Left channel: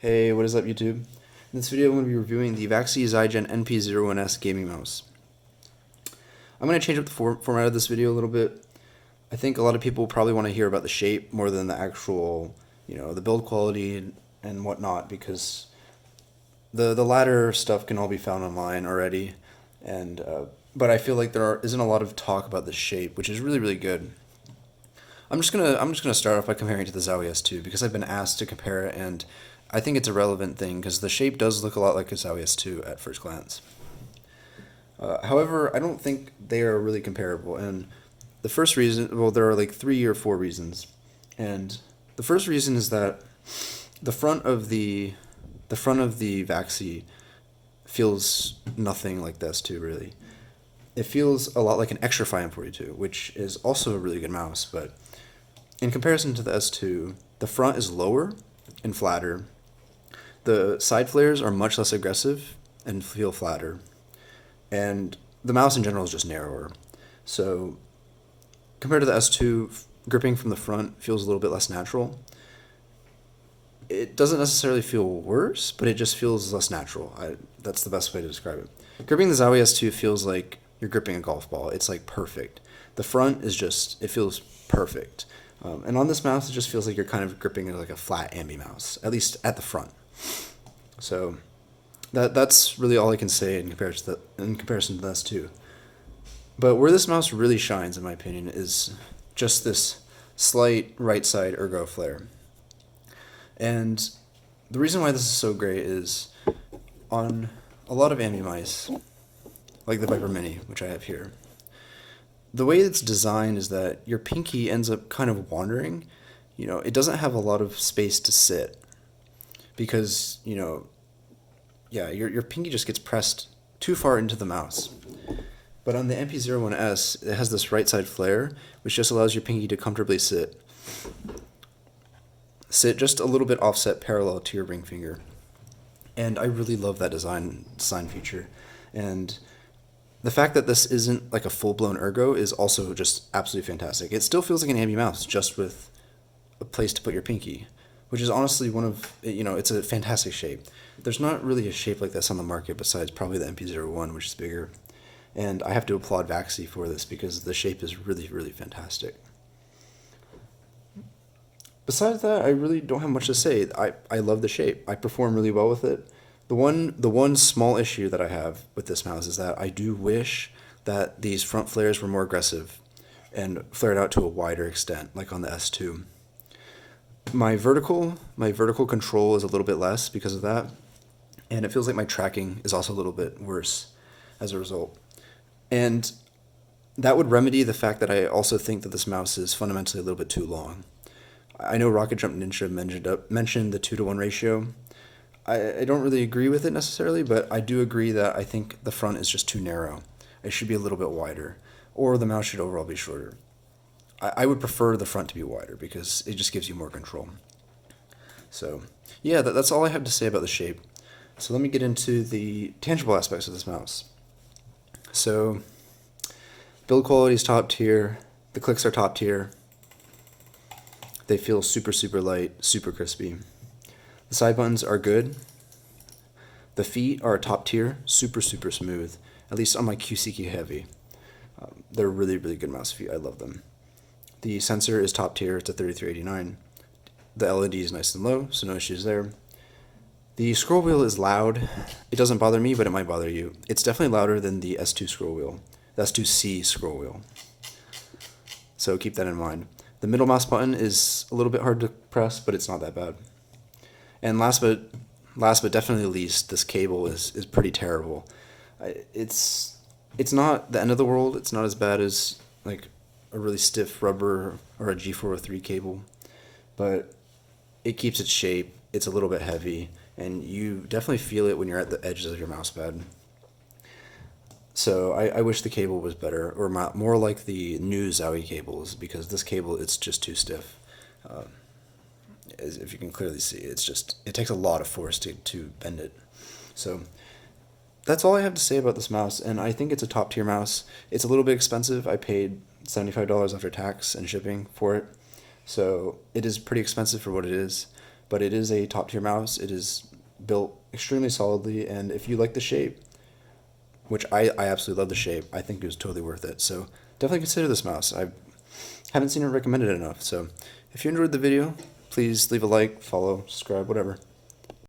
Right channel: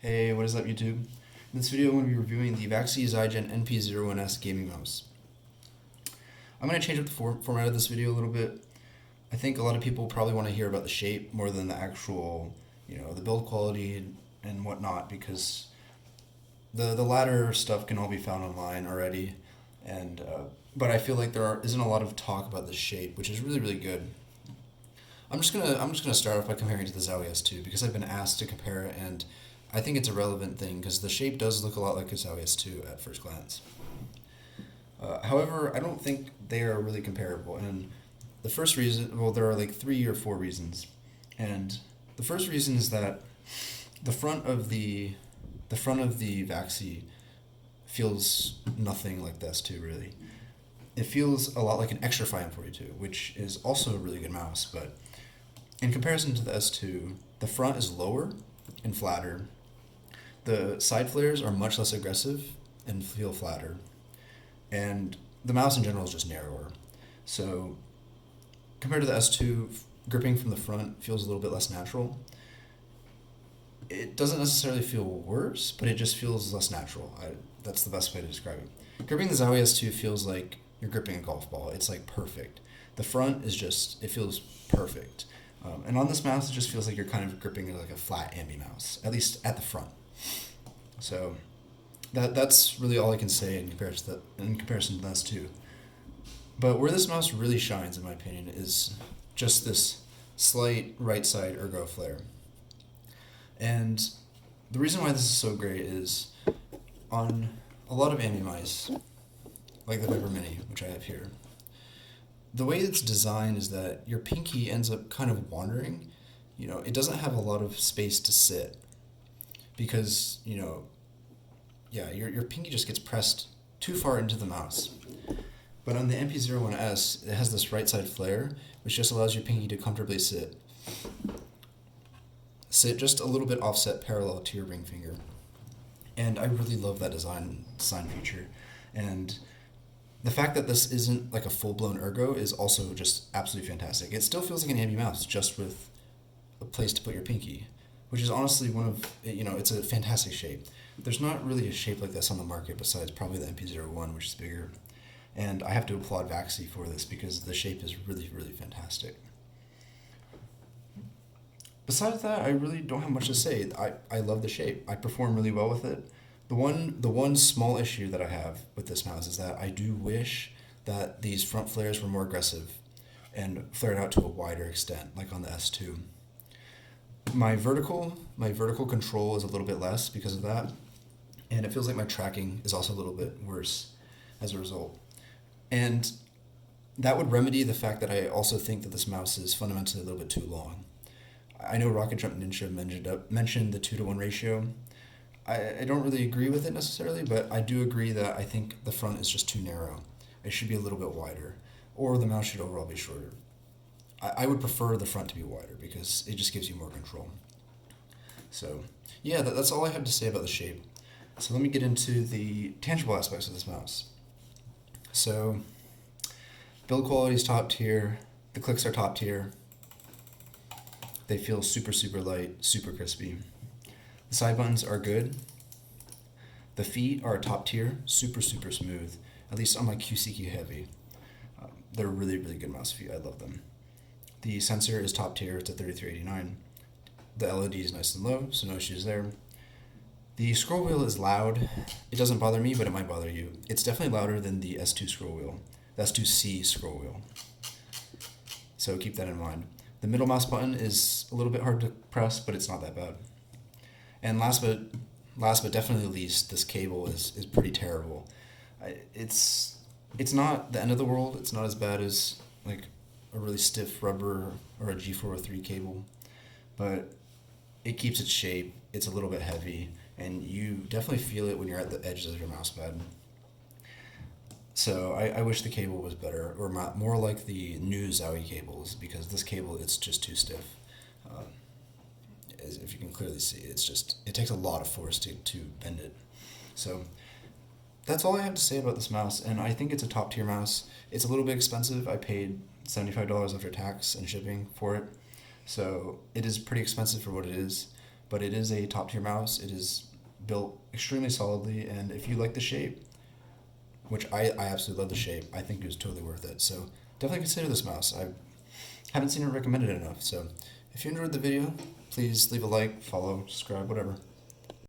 Hey, what is up YouTube? In this video I'm going to be reviewing the Vaxee Zygen NP01S gaming mouse. I'm going to change up the format of this video a little bit. I think a lot of people probably want to hear about the shape more than the actual, the build quality and whatnot, because the latter stuff can all be found online already. And but I feel like isn't a lot of talk about the shape, which is really good. I'm just gonna start off by comparing it to the Zowie S2 because I've been asked to compare it, and I think it's a relevant thing because the shape does look a lot like a Zowie S2 at first glance. However, I don't think they are really comparable, and the first reason, well, there are like 3 or 4 reasons, and the first reason is that the front of the Vaxee feels nothing like the S2 really. It feels a lot like an Xtrfy M42, which is also a really good mouse, but in comparison to the S2, the front is lower and flatter. The side flares are much less aggressive and feel flatter. And the mouse in general is just narrower. So compared to the S2, gripping from the front feels a little bit less natural. It doesn't necessarily feel worse, but it just feels less natural. That's the best way to describe it. Gripping the Zowie S2 feels like you're gripping a golf ball. It's like perfect. The front is just, it feels perfect. And on this mouse, it just feels like you're kind of gripping like a flat ambi mouse, at least at the front. So that's really all I can say in comparison to the S2. But where this mouse really shines, in my opinion, is just this slight right side ergo flare. And the reason why this is so great is on a lot of ambi mice, like the Viper Mini, which I have here, the way it's designed is that your pinky ends up kind of wandering. It doesn't have a lot of space to sit because, your pinky just gets pressed too far into the mouse. But on the NP01S, it has this right side flare, which just allows your pinky to comfortably sit just a little bit offset parallel to your ring finger. And I really love that design feature. And the fact that this isn't like a full-blown ergo is also just absolutely fantastic. It still feels like an ambi mouse, just with a place to put your pinky, which is honestly it's a fantastic shape. There's not really a shape like this on the market besides probably the NP01, which is bigger. And I have to applaud Vaxee for this because the shape is really fantastic. Besides that, I really don't have much to say. I love the shape. I perform really well with it. The one small issue that I have with this mouse is that I do wish that these front flares were more aggressive and flared out to a wider extent, like on the S2. My vertical control is a little bit less because of that, and it feels like my tracking is also a little bit worse as a result. And that would remedy the fact that I also think that this mouse is fundamentally a little bit too long. I know Rocket Jump Ninja mentioned the 2-to-1 ratio. I don't really agree with it necessarily, but I do agree that I think the front is just too narrow. It should be a little bit wider, or the mouse should overall be shorter. I would prefer the front to be wider because it just gives you more control. So yeah, that's all I have to say about the shape. So let me get into the tangible aspects of this mouse. So build quality is top tier. The clicks are top tier. They feel super light, super crispy. The side buttons are good. The feet are top tier, super smooth, at least on my QCQ Heavy. They're really good mouse feet. I love them. The sensor is top tier. It's a 3389. The LED is nice and low, so no issues there. The scroll wheel is loud. It doesn't bother me, but it might bother you. It's definitely louder than the S2 scroll wheel, the S2C scroll wheel. So keep that in mind. The middle mouse button is a little bit hard to press, but it's not that bad. And last but definitely least, this cable is pretty terrible. It's not the end of the world. It's not as bad as like a really stiff rubber or a G403 cable, but it keeps its shape. It's a little bit heavy, and you definitely feel it when you're at the edges of your mouse pad. So I wish the cable was better, or more like the new Zowie cables, because this cable, it's just too stiff. As if you can clearly see, it takes a lot of force to bend it. So that's all I have to say about this mouse, and I think it's a top tier mouse. It's a little bit expensive. I paid $75 after tax and shipping for it, so it is pretty expensive for what it is. but it is a top tier mouse. It is built extremely solidly, and if you like the shape, which I absolutely love the shape, I think it was totally worth it. So definitely consider this mouse. I haven't seen it recommended enough. So if you enjoyed the video, please leave a like, follow, subscribe, whatever.